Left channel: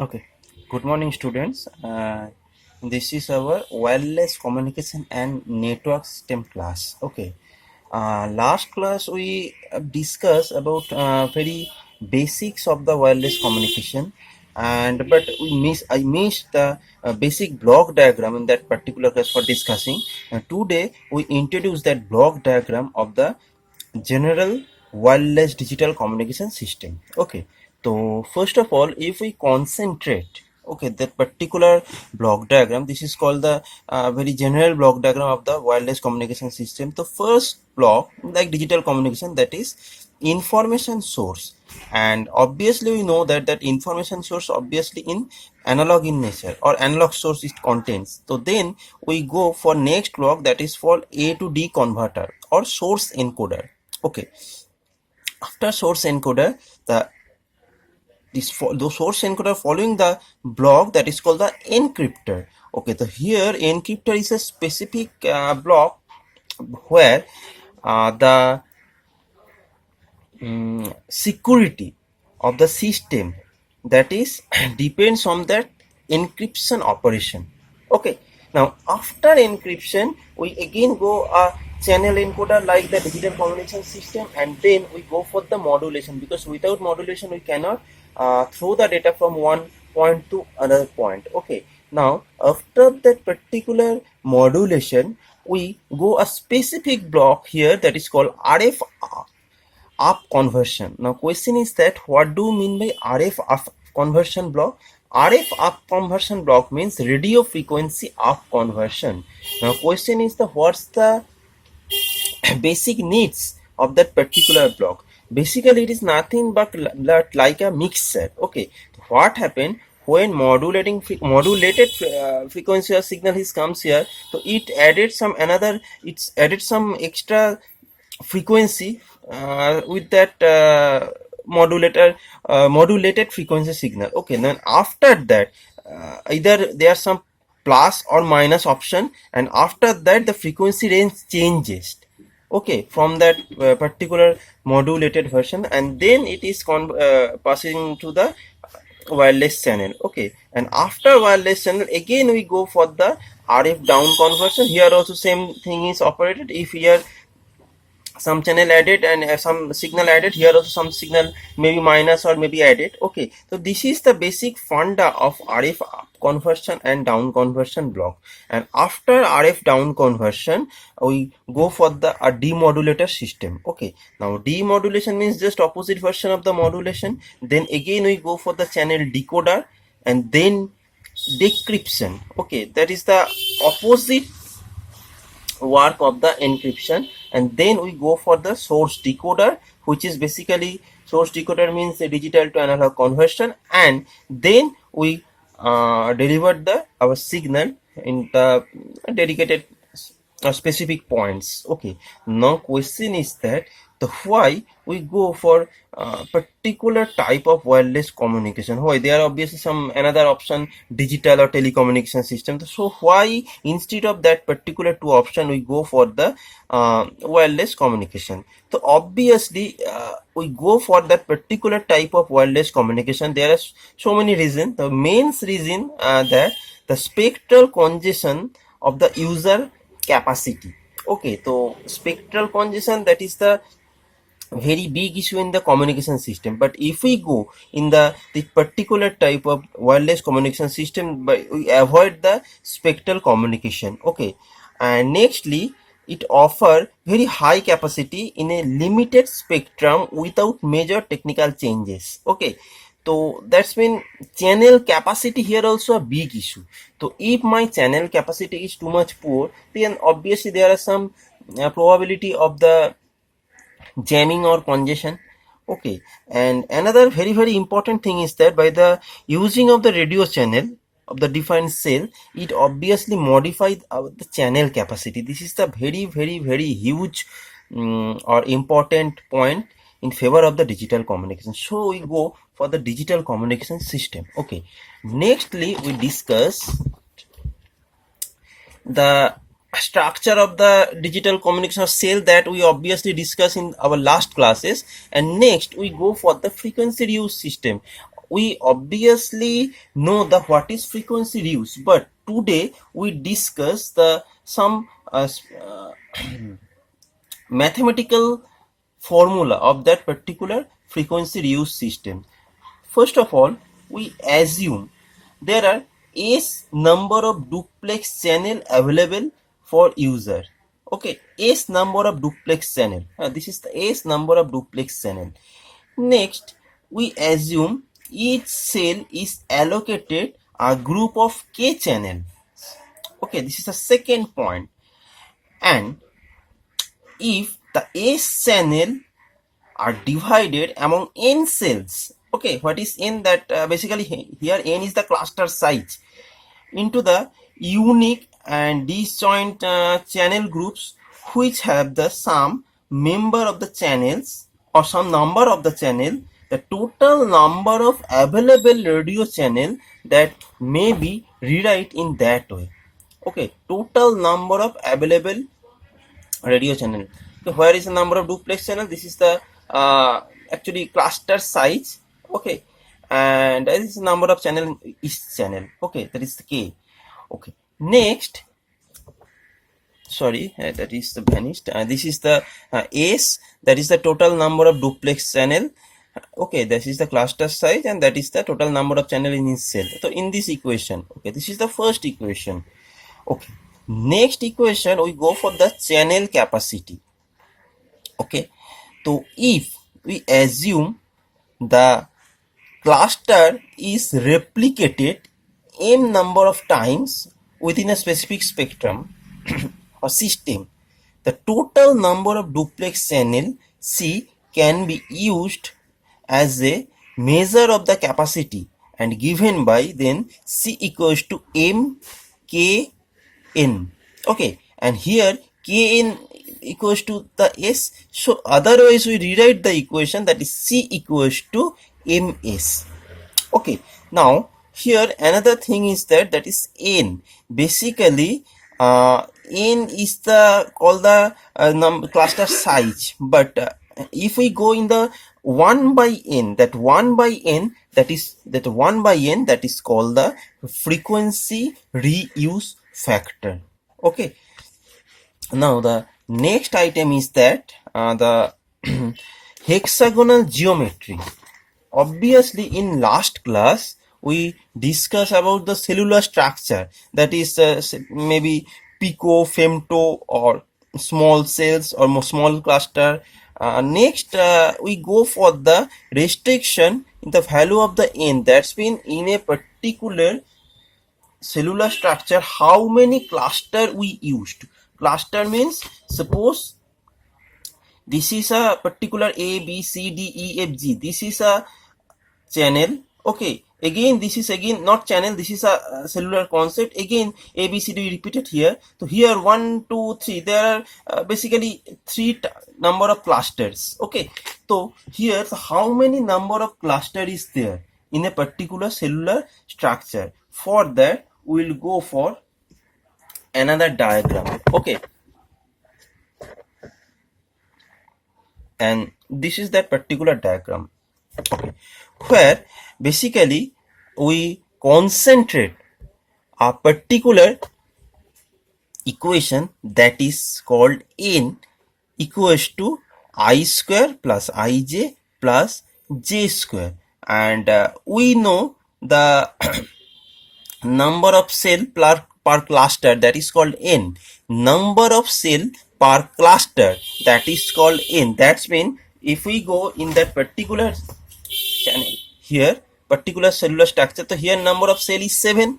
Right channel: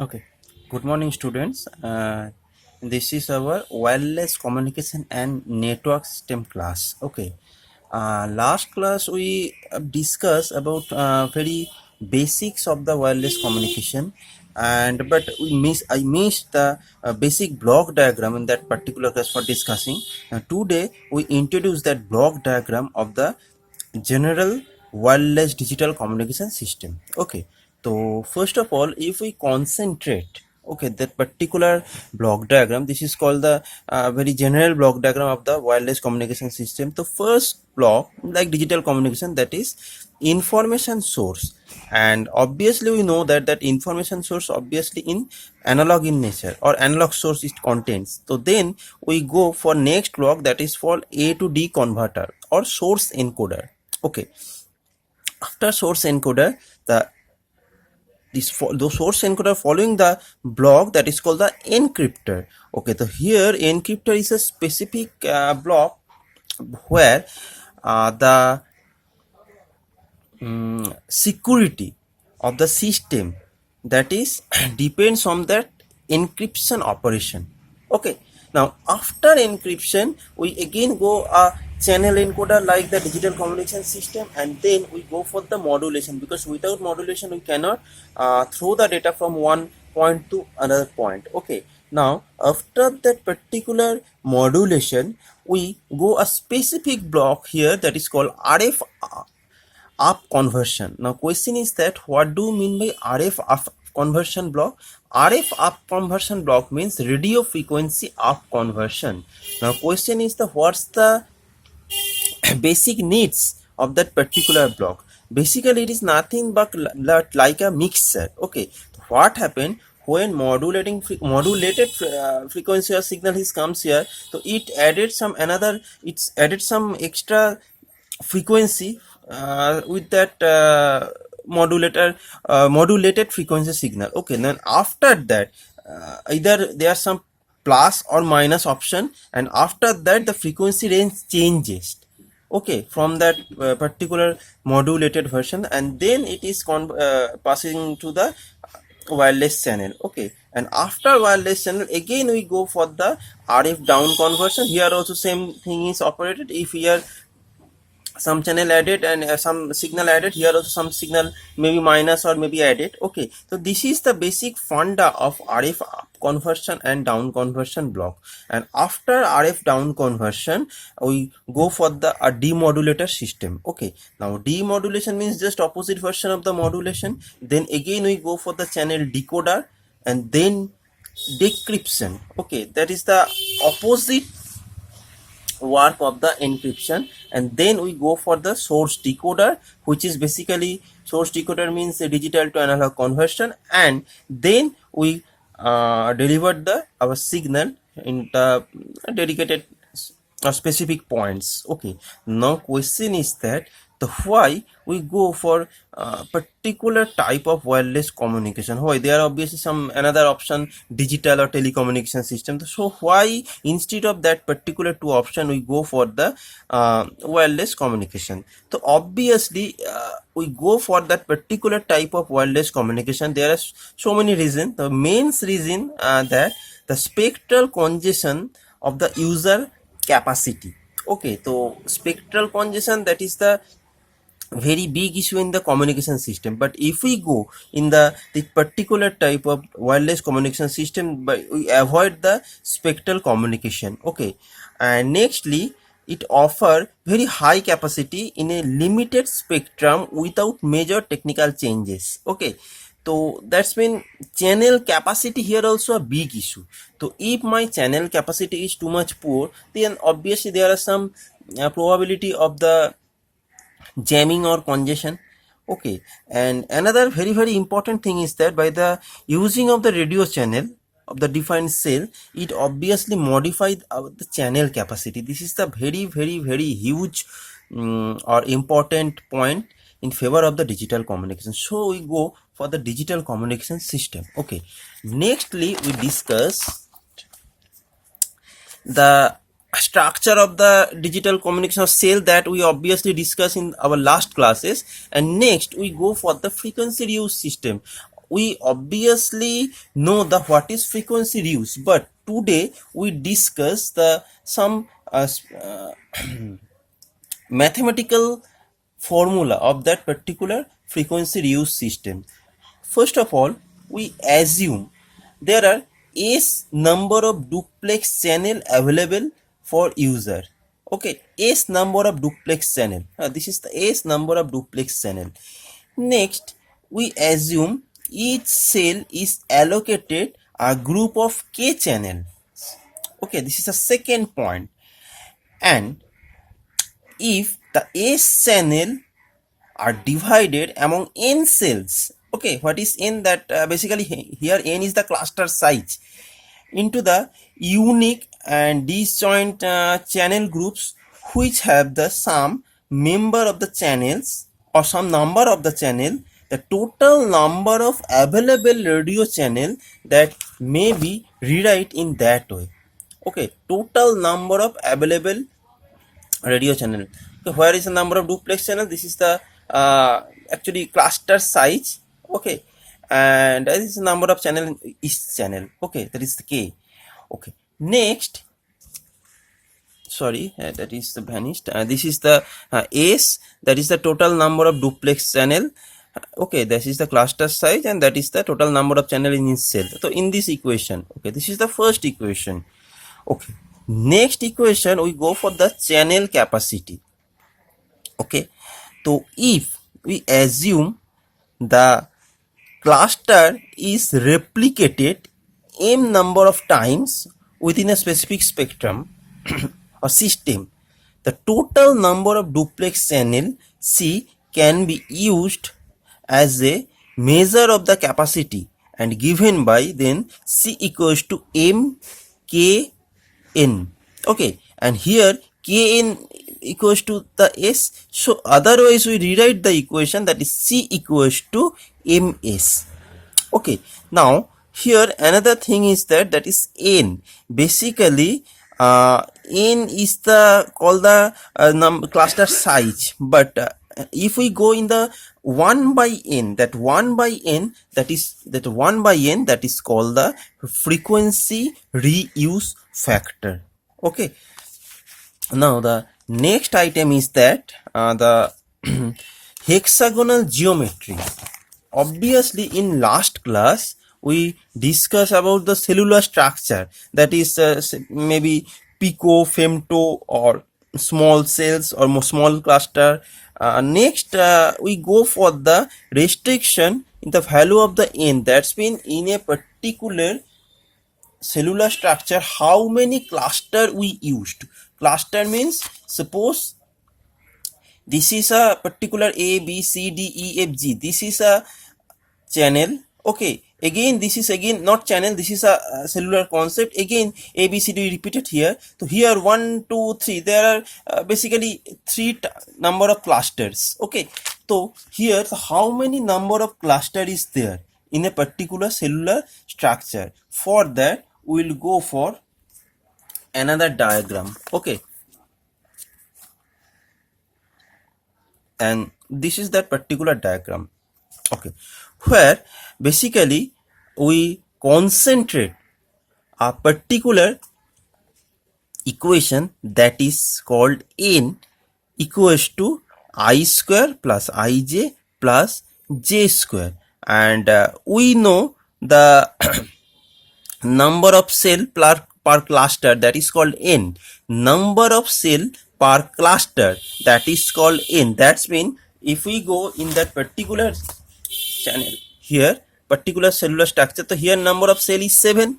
Okay. Good morning, students. This is our wireless communication and network system class. Okay. Last class we discussed about very basics of the wireless communication, and but I missed the basic block diagram in that particular class for discussing. Today we introduce that block diagram of the general wireless digital communication system. Okay, so first of all, if we concentrate, okay, that particular block diagram, this is called the very general block diagram of the wireless communication system. The first block, like digital communication, that is information source, and obviously we know that information source obviously in analog in nature, or analog source it contains. So then we go for next block, that is for A to D converter or source encoder. Okay, after source encoder, the source encoder following the block, that is called the encryptor. Okay, so here encryptor is a specific block where the security of the system, that is depends on that encryption operation. Okay, now after encryption we again go a channel encoder like the digital communication system, and then we go for the modulation, because without modulation we cannot throw the data from one point to another point. Okay, now after that particular modulation we go a specific block here, that is called RF up conversion. Now question is that what do you mean by RF up conversion block? RF up conversion block means radio frequency up conversion. Now question is the what's the basic needs of that particular block? Basically it is nothing but like a mixer. Okay, what happened when modulated frequency or signal is comes here, so it's added some extra frequency with that modulated frequency signal. Okay, then after that either there are some plus or minus option, and after that the frequency range changes, okay, from that particular modulated version, and then it is passing to the wireless channel. Okay, and after wireless channel again we go for the RF down conversion. Here also same thing is operated. If here some channel added and some signal added, here also some signal maybe minus or maybe added. Okay, so this is the basic funda of RF up conversion and down conversion block. And after RF down conversion we go for the demodulator system. Okay, now demodulation means just opposite version of the modulation. Then again we go for the channel decoder, and then decryption. Okay, that is the opposite work of the encryption. And then we go for the source decoder, which is basically source decoder means the digital to analog conversion, and then we deliver the our signal in the dedicated specific points. Okay, now question is that the why we go for particular type of wireless communication. Why there are obviously some another option, digital or telecommunication system. So why instead of that particular two option we go for the wireless communication? So obviously we go for that particular type of wireless communication. There are so many reasons. The main reason that the spectral congestion of the user capacity. Okay, so spectral congestion, that is the very big issue in the communication system. But if we go in the particular type of wireless communication system, but we avoid the spectral communication. Okay, and nextly it offer very high capacity in a limited spectrum without major technical changes. Okay, so that's mean channel capacity here also a big issue. So if my channel capacity is too much poor, then obviously there are some probability of the jamming or congestion. Okay, and another very important thing is that by the using of the radio channel of the defined cell, it obviously modified the channel capacity. This is the very huge or important point in favor of the digital communication. So we go for the digital communication system. Okay, nextly we discuss the structure of the digital communication cell that we obviously discussed in our last classes. And next we go for the frequency reuse system. we obviously know the what is frequency reuse, but today we discuss the some mathematical formula of that particular frequency reuse system. First of all, we assume there are S number of duplex channel available for user. Okay, S number of duplex channel. This is the S number of duplex channel. Next, we assume each cell is allocated a group of K channel. Okay, this is the second point. And if the S channel are divided among n cells, okay, what is n? That basically here n is the cluster size, into the unique and disjoint channel groups which have the some member of the channels or some number of the channel, the total number of available radio channel that may be rewrite in that way. Okay, total number of available radio channel. So where is the number of duplex channel? This is the actually cluster size. Okay, and this is the number of channel in each channel. Okay, that is the K. Okay, next, sorry, that is the vanished. This is the S, that is the total number of duplex channel. Okay, this is the cluster size, and that is the total number of channel in each cell. So in this equation, okay, this is the first equation. Okay, next equation we go for the channel capacity. Okay, so if we assume the cluster is replicated n number of times within a specific spectrum or system, the total number of duplex channel C can be used as a measure of the capacity and given by then C equals to M K N. Okay, and here Kn equals to the S, so otherwise we rewrite the equation, that is C equals to Ms. Okay, now here another thing is that is N. Basically N is the called the cluster size, but if we go in the 1 by n, that 1 by n, that is called the frequency reuse factor. Okay, now the next item is that the hexagonal geometry. Obviously in last class we discussed about the cellular structure, that is maybe pico, femto, or small cells or more small cluster. Next we go for the restriction in the value of the n, that's been in a particular cellular structure how many cluster we used. Cluster means, suppose this is a particular A B C D E F G, this is a channel. Okay, again this is again not channel, this is a cellular concept. Again A B C D repeated here. So here 1 2 3, there are basically three number of clusters. Okay, so here how many number of cluster is there in a particular cellular structure? For that we will go for another diagram. Okay, and this is that particular diagram. Okay, where basically we concentrate a particular equation that is called n equals to I square plus ij plus j square, and we know the number of cell per cluster, that is called n. Number of cell per cluster, that is called n. That's mean if we go in that particular channel here, particular cellular structure, so here number of cell is 7.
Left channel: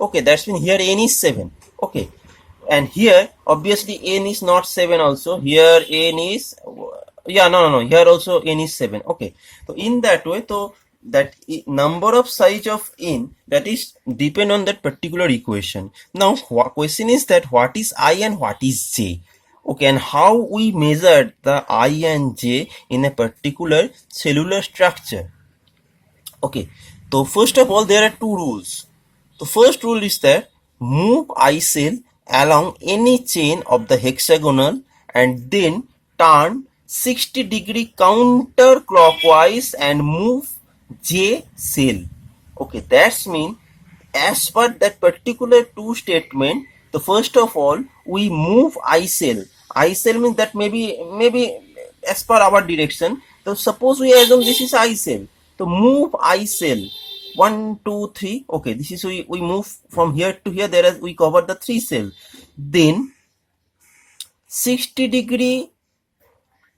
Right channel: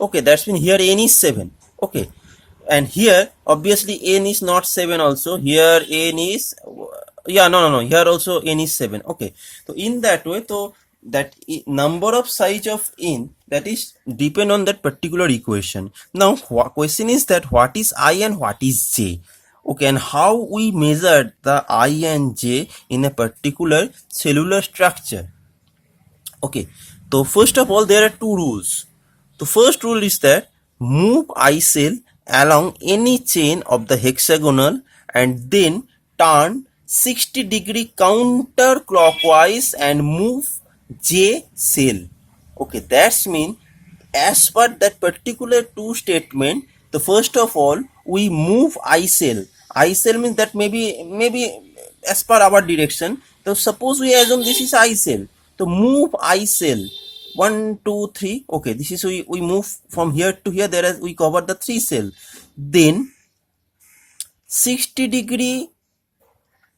Okay, that's mean here n is 7. Okay, and here obviously n is not 7 also, here n is, yeah, no, here also n is 7. Okay, so in that way, so that number of size of n, that is depend on that particular equation. Now question is that what is I and what is j? Okay, and how we measure the I and j in a particular cellular structure? Okay, so first of all there are two rules. The first rule is that move I cell along any chain of the hexagonal and then turn 60 degree counterclockwise and move J cell. Okay, that's mean as per that particular two statement, the first of all we move I cell. I cell means that maybe as per our direction. So suppose we assume this is I cell. So move I cell 1, 2, 3. Okay, this is we move from here to here. There is we cover the 3 cell. Then 60-degree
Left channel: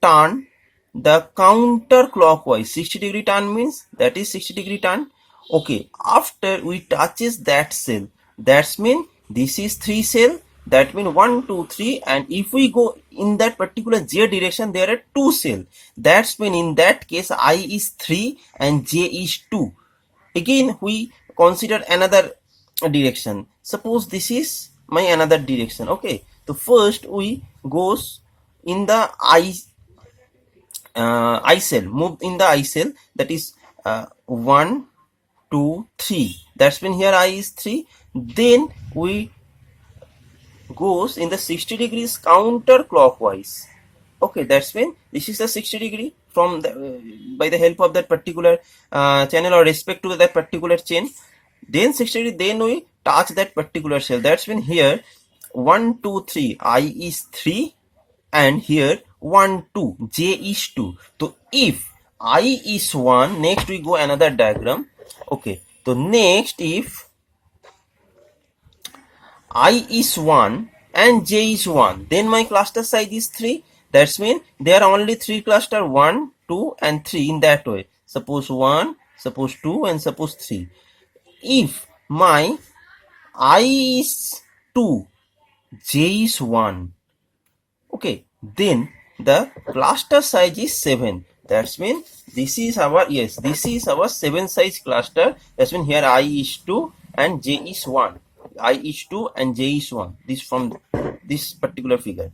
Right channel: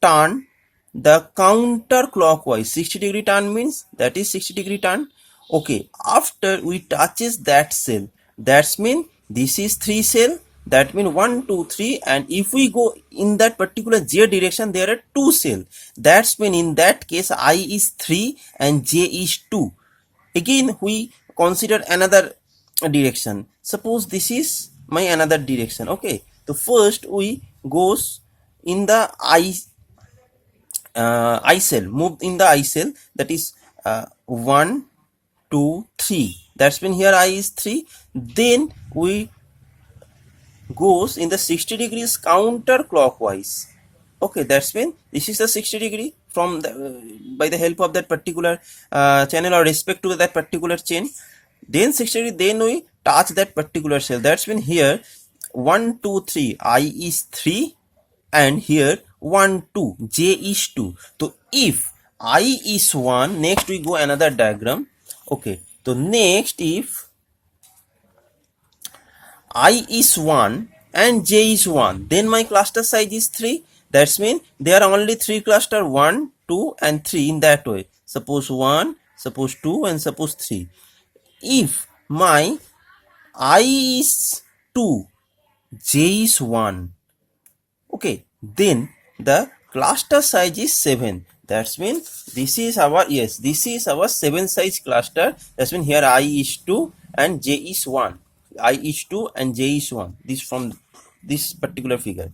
turn the counterclockwise. 60-degree turn means that is 60-degree turn. Okay, after we touches that cell, that's mean this is 3 cell, that mean 1, 2, 3, and if we go in that particular J direction, there are 2 cell. That's mean in that case I is 3 and J is 2. Again we consider another direction. Suppose this is my another direction. Okay, so first we goes in the I cell, moved in the I cell, that is 1, 2, 3. That's when here I is 3. Then we goes in the 60 degrees counterclockwise. Okay, that's when this is the 60 degree from the by the help of that particular channel or respect to that particular chain. Then 60 degree, then we touch that particular cell. That's when here 1, 2, 3, I is 3, and here 1, 2, J is 2. So if I is 1, next we go another diagram. Okay, so next if I is 1 and J is 1, then my cluster size is 3. That's mean there are only 3 cluster, 1, 2 and 3 in that way. Suppose 1, suppose 2 and suppose 3. If my I is 2, J is 1, okay, then the cluster size is 7. That's mean this is our, yes, this is our 7 size cluster. That's mean here I is 2 and J is 1. I is 2 and J is 1. This from this particular figure.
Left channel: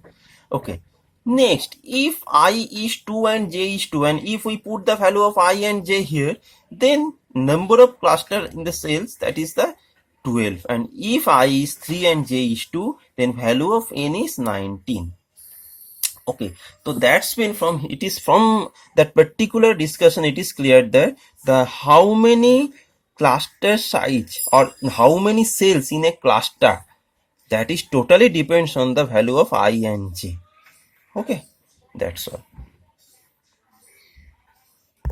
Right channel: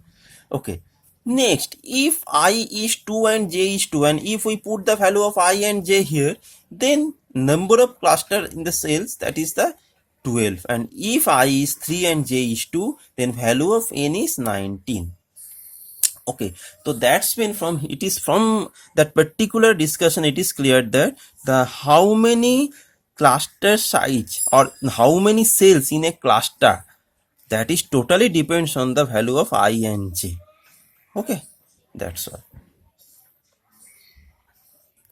Okay. Next, if I is 2 and J is 2, and if we put the value of I and J here, then number of cluster in the cells, that is the 12. And if I is 3 and J is 2, then value of N is 19. Okay, so that's been from, it is from that particular discussion it is clear that the how many cluster size or how many cells in a cluster, that is totally depends on the value of I and J. Okay, that's all.